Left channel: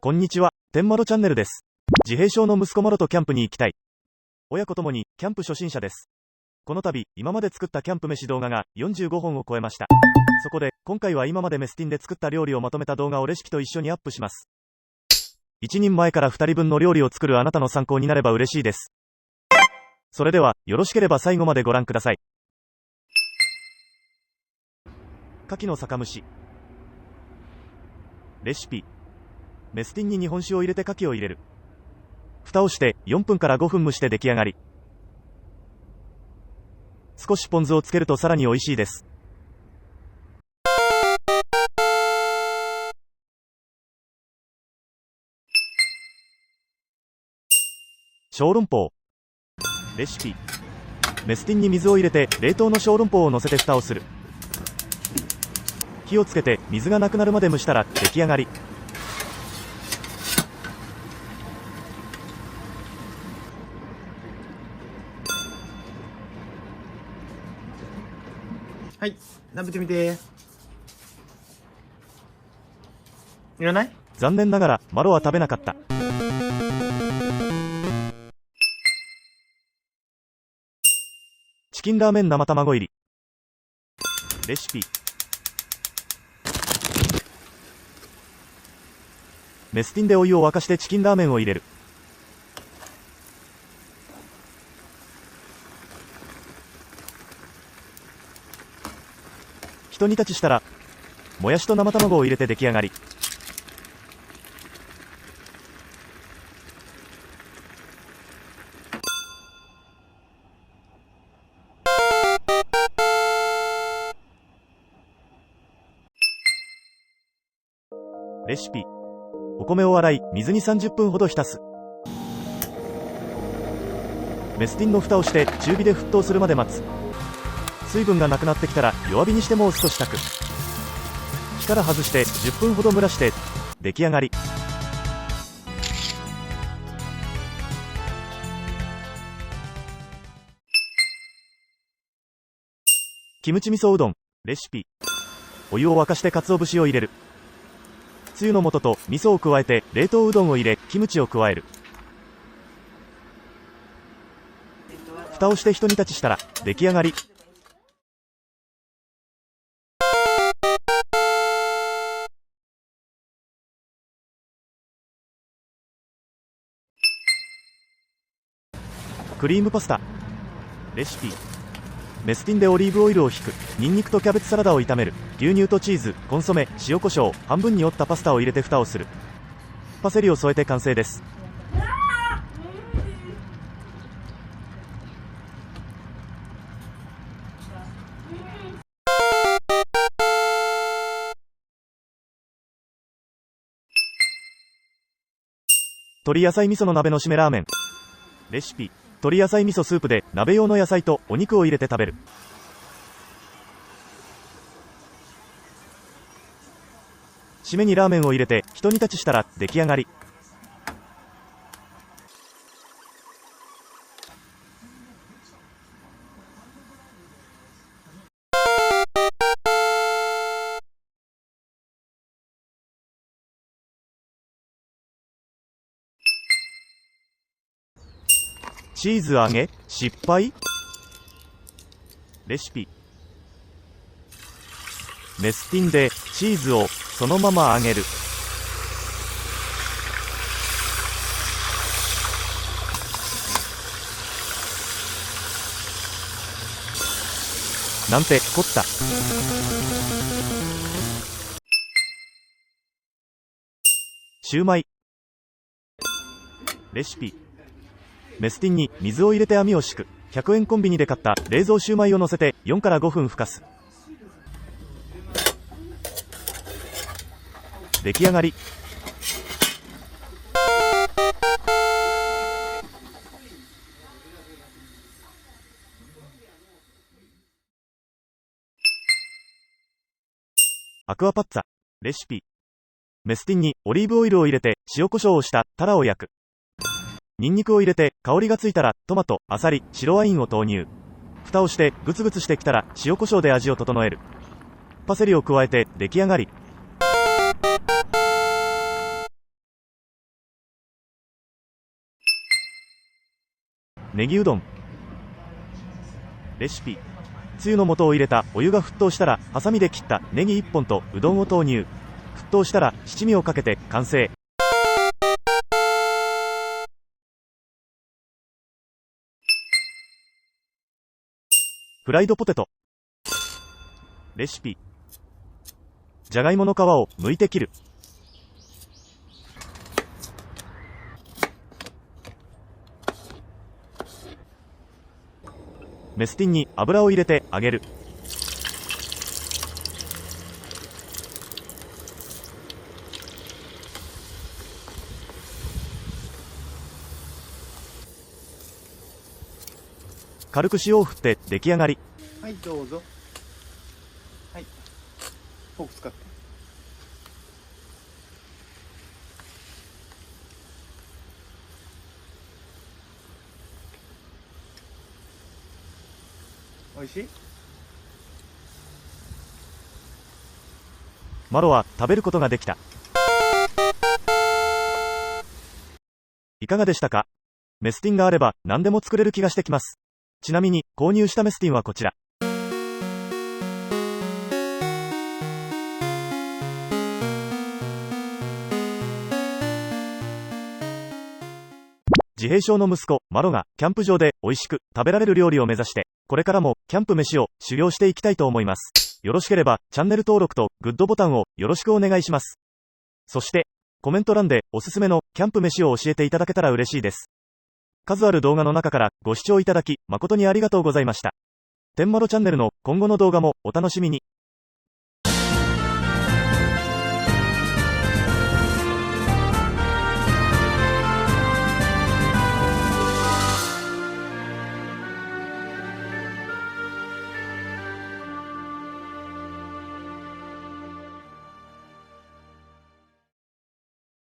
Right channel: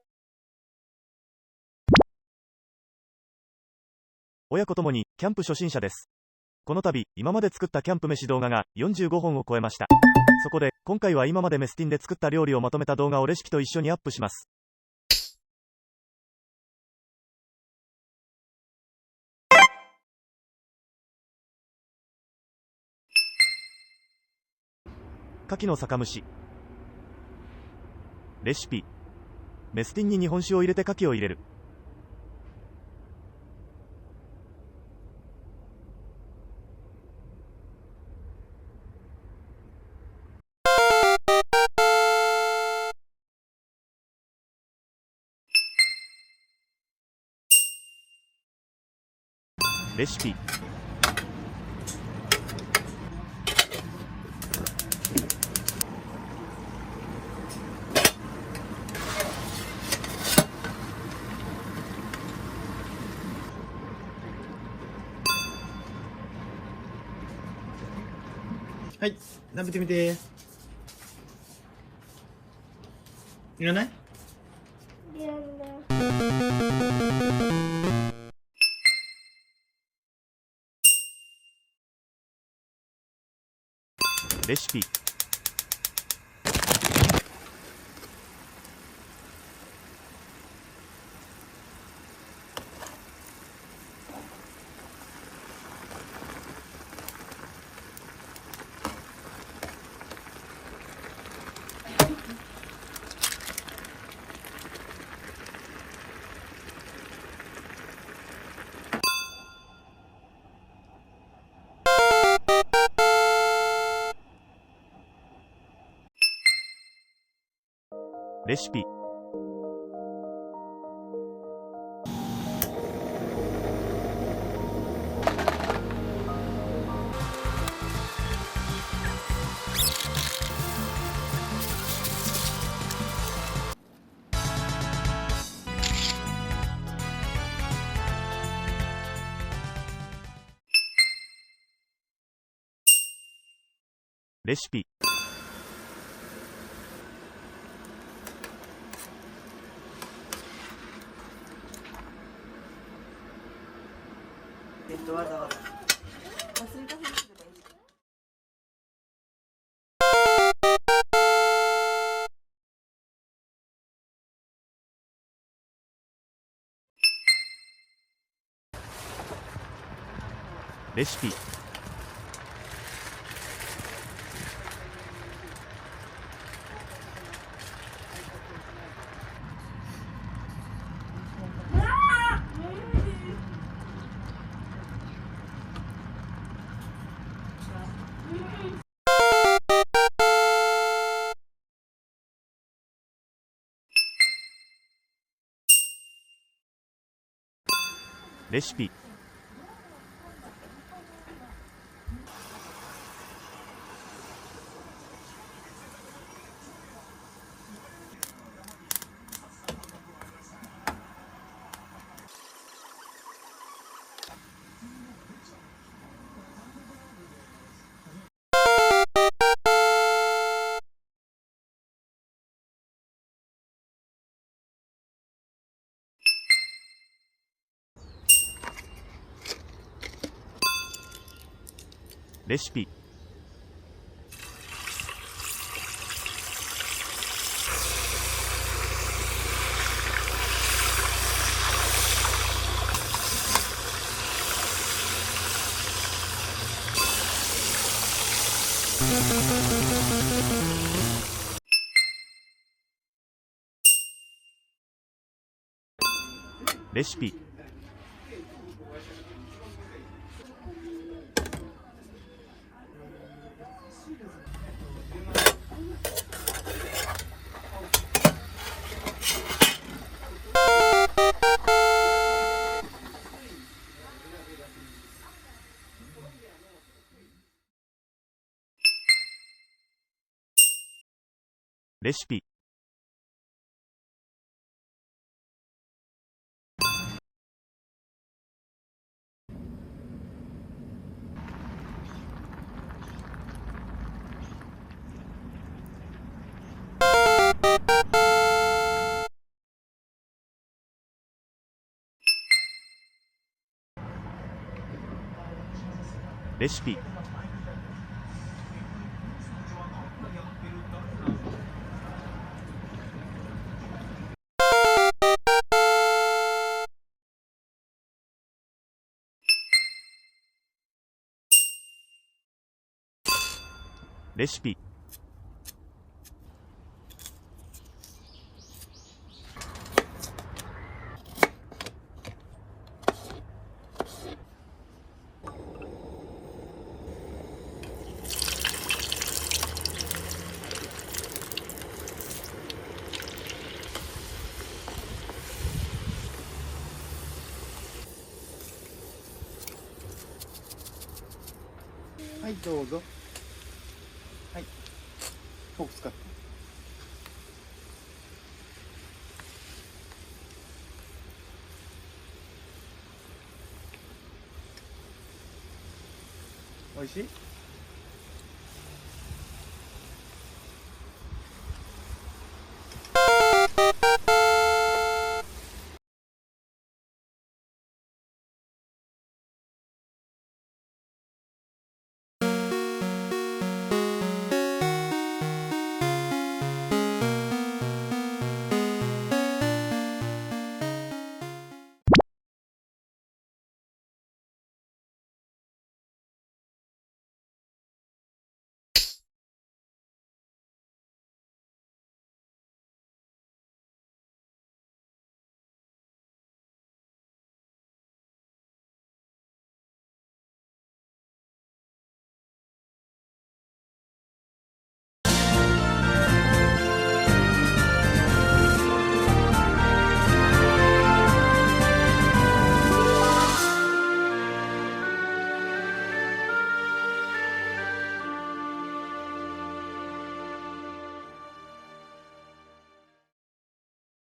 こんにちは、天マロチャンネルです。自閉症の息子マロとキャンプに行きたい。親子ともにキャンプ初心者です。この度、今まで作ったキャンプ飯動画が45本を超えました。そこで、今回は今までメスティンで作った料理をまとめた動画をレシピと一緒にアップします。1人前から2人分の料理を作るあなたの参考になれば嬉しいです。それでは、よろしければ最後までご覧ください。牡蠣の酒蒸し。レシピ。メスティンに日本酒を入れて牡蠣を入れる。蓋をして4分から5分蒸して出来上がり。少しポン酢をつけるとさらに美味しいです。小籠包。レシピ。メスティンに水を入れて冷凍の小籠包を乗せて蓋をする。火をつけて水がなくなるまで蒸したら出来上がり。はい、食べてみて。いらない？残念ながらマロは食べなかった。チキンラーメン生卵入り。レシピ。メスティンでお湯を沸かしてチキンラーメンを入れる。ひと煮立ちしたらもやしと生卵を入れて出来上がり。レシピ。お米を洗い水に30分ほど浸す。メスティンの蓋をして中火で沸騰するまで待つ。水分がなくなってきたら弱火にしてもう少し炊く。力外して10分ほど蒸らして出来上がり。キムチ味噌うどん。レシピ。お湯を沸かして鰹節を入れる。つゆの素と味噌を加えて冷凍うどんを入れキムチを加える。蓋をしてひと煮立ちしたら出来上がり。クリームパスタ。レシピ。メスティンでオリーブオイルをひく。ニンニクとキャベツサラダを炒める。牛乳とチーズ、コンソメ、塩コショウ、半分に折ったパスタを入れて蓋をする。パセリを添えて完成です。鶏野菜味噌の鍋の締めラーメン。レシピ。鶏野菜味噌スープで鍋用の野菜とお肉を入れて食べる。締めにラーメンを入れてひと煮立ちしたら出来上がり。チーズ揚げ失敗。レシピ。メスティンでチーズをそのまま揚げる。なんて凝った。シューマイ。レシピ。メスティンに水を入れて網を敷く。100円コンビニで買った冷蔵シューマイを乗せて4から5分ふかす。出来上がり。アクアパッツァ。レシピ。メスティンにオリーブオイルを入れて塩コショウをしたタラを焼く。ニンニクを入れて香りがついたらトマト、アサリ、白ワインを投入。蓋をしてグツグツしてきたら塩コショウで味を整える。パセリを加えて出来上がり。ネギうどん。レシピ。つゆの素を入れたお湯が沸騰したら、ハサミで切ったネギ1本とうどんを投入。沸騰したら七味をかけて完成。フライドポテト。レシピ。じゃがいもの皮を剥いて切る。メスティンに油を入れて揚げる。軽く塩を振って出来上がり。はい、どうぞ。はい。フォーク使って。おいしい？マロは食べることができた。いかがでしたか？メスティンがあれば何でも作れる気がしてきます。ちなみに購入したメスティンはこちら。自閉症の息子マロがキャンプ場で美味しく食べられる料理を目指して、これからもキャンプ飯を修行していきたいと思います。よろしければチャンネル登録とグッドボタンをよろしくお願いします。そしてコメント欄でおすすめのキャンプ飯を教えていただけたら嬉しいです。数ある動画の中からご視聴いただき誠にありがとうございました。天窓チャンネルの今後の動画もお楽しみに。